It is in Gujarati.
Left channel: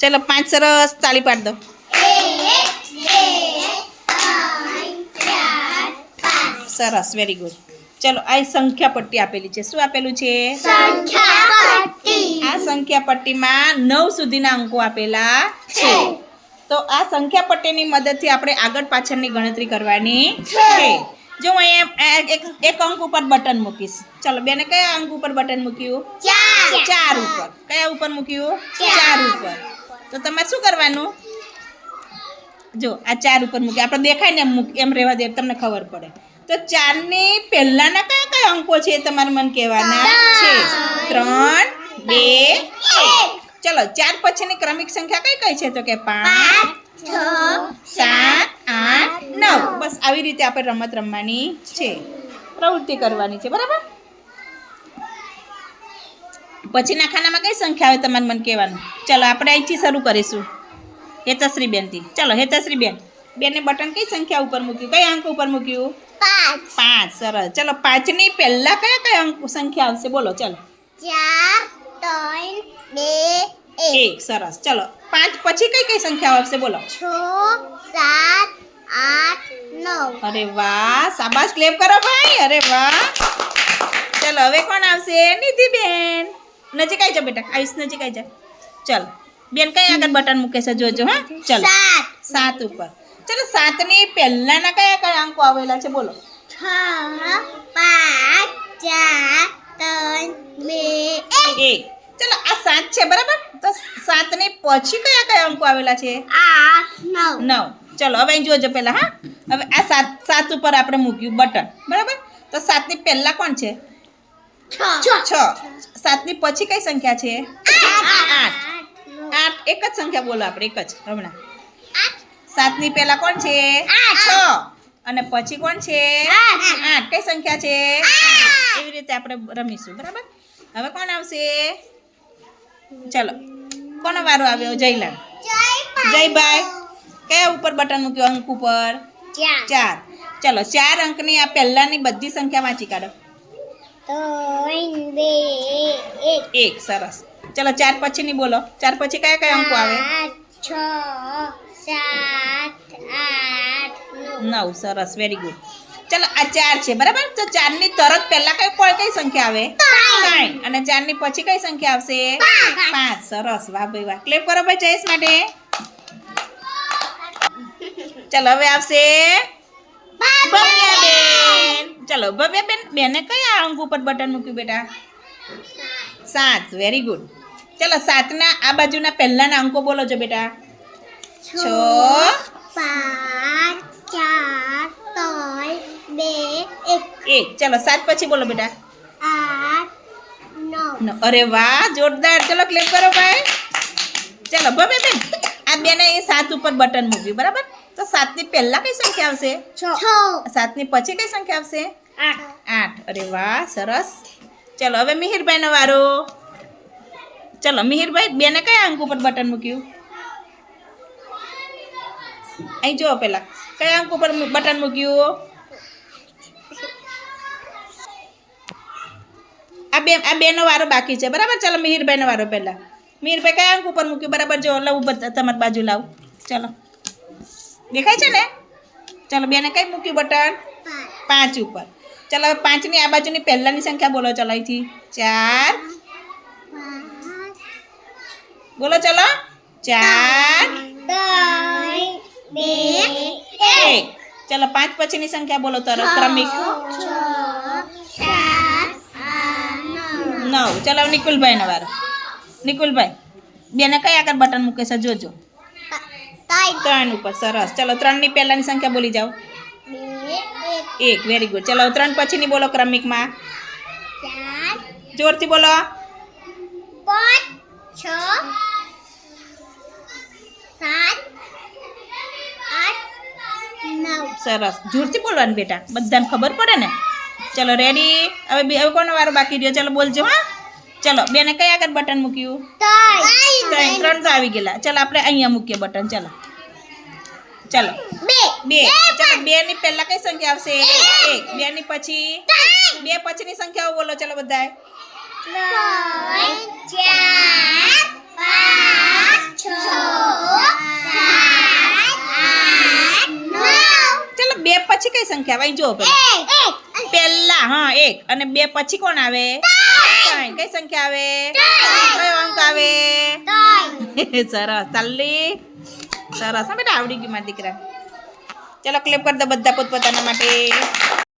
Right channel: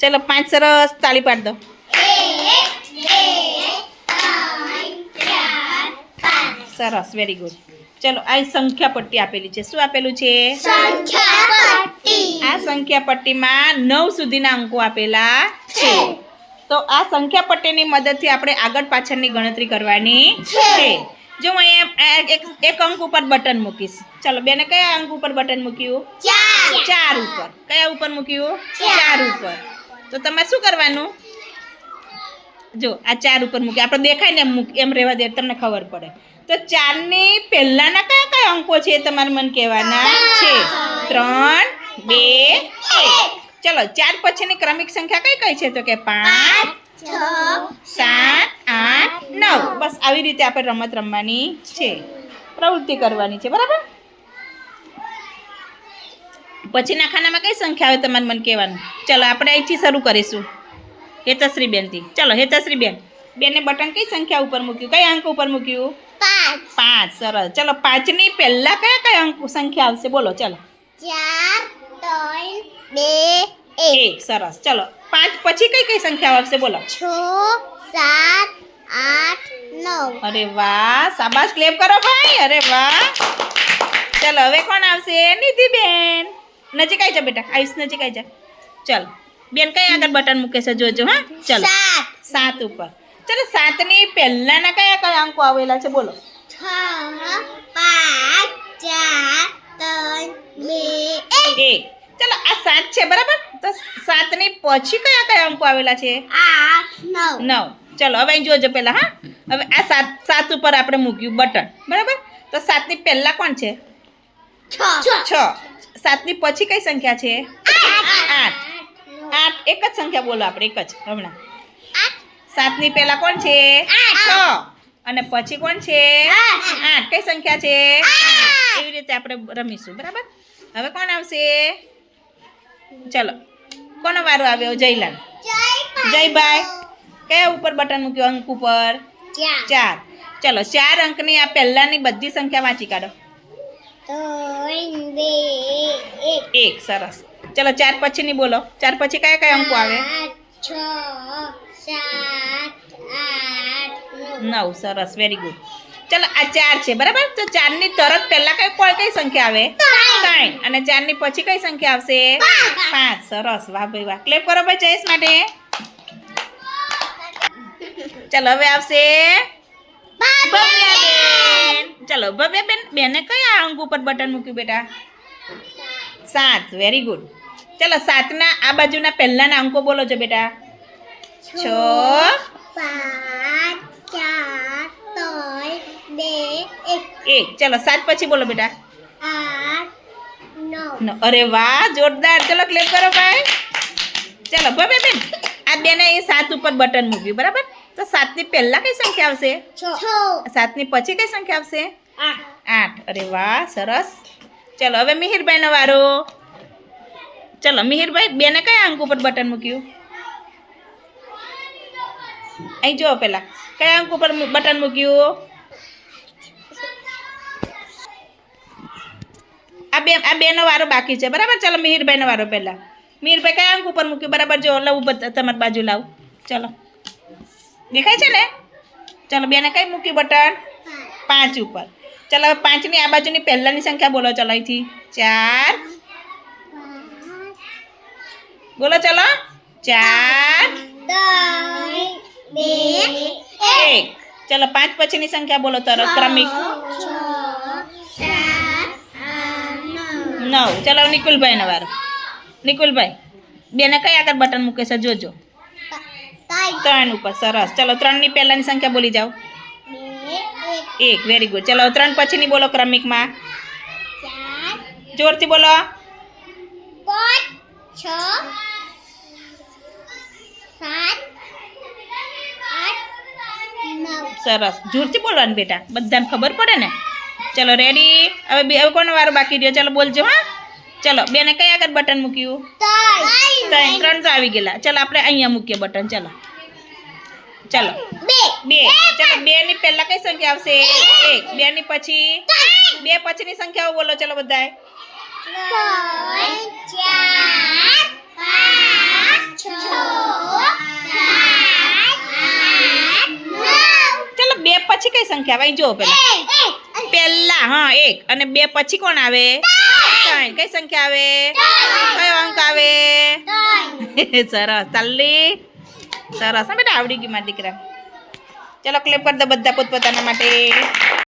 ચલો પાંચ સરસ તાળી પાડ દો સરસ વેરી ગુડ ચલો આ સંખ્યા પટ્ટી આપેલી છે શું આપેલું છે? આ સંખ્યા પટ્ટીમાં નવ સુધીના અંકો આપેલા છે. તો આ સંખ્યા પટ્ટીની મદદથી આપણે આગળ પાછળની ગણતરી કરવાની છે. જો હું અહીંયા એક એક અંક ઉપર બટન મૂકીશ. ચલો બેને કયા અંક ઉપર બટન મૂક્યું? ચાર. ઉપર. કયા ઉપર મૂક્યું? ચાર ઉપર. તો તમારે શું કરવાનું? જો, આ ચાર ઉપર મૂકી. આપણે દેખાય ને એમ મૂક, એમ રહેવા દે, તમને ખબર પડે. તો ચારની પહેલાંના કયા કયા અંકો છે એ તમારે મને કહેવાના છે? ત્રણ, બે, એક. ચલો, ચાર પછીની ક્રમિક સંખ્યા કઈ કઈ છે? તો કે પાંચ, સાત, આઠ, નવ. બસ, આવી રીતે આપણે રમત રમવાની છે. પ્રવૃત્તિ કરવાની છે. બરાબર? પછીના ખાનામાં કઈ સંખ્યા આવે તમારે મને કહેવાનું? ચલો આપણે અહીંથી શરૂ કરીશું. હેતશ્રી બેનથી ચલો હેતશ્રી બેન બેને બટન કઈ સંખ્યા ઉપર મૂક્યું? કઈ અંક ઉપર મૂક્યું? પાંચ. પાંચ સરસ. ચલો પાંચની પહેલા કયા કયા અંક સંખ્યા આવશે? બોલો ચલો. ચાર ત્રણ બે એક. એક સરસ. ચલો પાંચ પછી કઈ કઈ સંખ્યા આવશે? બોલો. છ સાત આઠ નવ. અરે વાહ સાબાસ ક્લેપ કરો ભાઈ. અરે વાહ. ચલો હવે કોણ આવશે? નિધિ બેન નજીક આવી જા બેટા આયુષ નજીક આવી જા. ચાલ. બેન કઈ આગળ બટન મૂકે છે જોજો હા? ચાલો. સાત. સાત ઉપર. ચલો સાતની પહેલાના કયા કયા અંકો આવેલા છે બોલો. છ પાંચ ચાર ત્રણ બે એક. ચલો આ સાત છે બરાબર? તો સાતની પછી કયા કયા અંકો આવેલા છે? આઠ નવ. નવ. ચલો હવે અહીં જોજો પેલા હા? હવે આ સાત સાત ઉપર આપણે મૂક્યું બટન. બરાબર? તો સાતની પહેલા કોણ છે? છ. છ. સાતની પછી કઈ સંખ્યા છે? આઠ. આઠ. એક જ સંખ્યા બોલો આપણે એક જ હમણાં. સાતની પહેલા કોણ છે? છ. અને પછી કોણ છે? આઠ. કઈ સંખ્યા છે? એવી રીતે આપણે રમીશું બરાબર? હવે કોણ આવશે? ચલો. કોનો વારો આવ્યો? જયલાલ. જયભાઈ. કયા ઉપર બટન મૂક્યું અંક ઉપર? ચાર. ચલો ચાર અંકની આ પહેલાની બધી સંખ્યા વાંચી કાઢો. એક સરસ. ચલો ચાર પછી ની બોલો. ચાર પછી કયા કયા અંકો આવે? છ સાત આઠ નવ. સરસ વેરી ગુડ ચલો આ ચાર છે બરાબર? તો ચારની તરત પહેલા કઈ કોઈ કઈ સંખ્યા આવે? ત્રણ. અને ચારની પછી કઈ સંખ્યા આવશે? પાંચ. સરસ. વાહ ભાઈ વાહ. ક્લેપ કરો ભાઈ જયેશ માટે. ચલો હવે આવશે? ચલો ભવ્યાબેન બેને કયા અંક ઉપર બટન મૂક્યું બેટા? સાત. વેરી ગુડ ચલો સાતના આ બાજુના પહેલાના અંકો બોલો છો બેટા. છ પાંચ ચાર ત્રણ બે એક. એક. ચાલો સાત પછી બોલો બેટા. આઠ નવ. અરે વાહ જોરદાર. ચલો ક્લેપ કરો ભાઈ. ચલો ભવ્ય બેન આ બેને એ સાત ઉપર બટન મૂક્યું બરાબર? તો સાતની પહેલા કઈ સંખ્યા આવશે? છ. સાતની પછી કઈ સંખ્યા આવશે? આઠ. અરે વાહ સરસ. ચલો હવે મિહિરભાઈનો વારો. ચલો મિહિરભાઈ બેને કયા અંક ઉપર બટન મૂક્યું? અહીં જુઓ પેલા કયા અંક ઉપર બટન મૂક્યું? આ બે આ બેનો વારો બાકી છે. બરાબર? ચલો મિહિરભાઈનો વારો પહેલા. મિહિરભાઈ કયા અંક ઉપર મૂક્યું? બરાબર જો લઉં ઉપર તમારી બાજુ લાવ. ચલો. દેખાય છે ને? ચલો બેને કઈ મૂક્યું બટન? પાંચ ઉપર. ચલો હવે પાંચની આ બાજુની પહેલાંની સંખ્યા બોલો ચલો અહીંથી. ચાર. બોલો ચલો. ચાર. એક. ચલો પાંચ પછીની સંખ્યા બોલો તરત ક્રમિક. નવ. ચાલો ચલો નવારો નિકુલભાઈ, બેને કઈ આગળ બટન મૂકે છે જોજો. ત્રણ. ઉપર સરસ. ચલો ત્રણની પહેલાંની સંખ્યા બોલી જાઓ. એક વેરી ગુડ ચલો ત્રણ પછીની બોલો ક્રમિકમાં. જોરથી બોલો. સરસ. જોરથી બોલવાનું બેટા. બધાને ખબર પડે ને? ચલો રેડી હવે બે હવે કોનો વારો બાકી રહ્યો? ચલો બોલજો હા. ચલો બેને કઈ આગળ બટન મૂક્યું? ત્રણ. ત્રણ તો આવી ગયેલા. ચલો આપણે અહીંયા મૂકીએ બટન ચલો. ચલો. બે. ચલો બે ની પહેલા કઈ સંખ્યા આવશે? એક. બે ની પછી? બે પછી ની સંખ્યાઓ બોલો ચલો બધા ચલો બે પછી કઈ સંખ્યા આવે? જો પેલા. પહેલા હા એક. અને બે પછી કોણ આવે? ત્રણ. કઈ સંખ્યા આવે? કયો અંક આવે? સરસ. ચાલી. સરસ. હા બેટા આવડી ગયું મારા દીકરા. ચલો ક્લેપ કરી દો બધા પોતપોતાના માટે.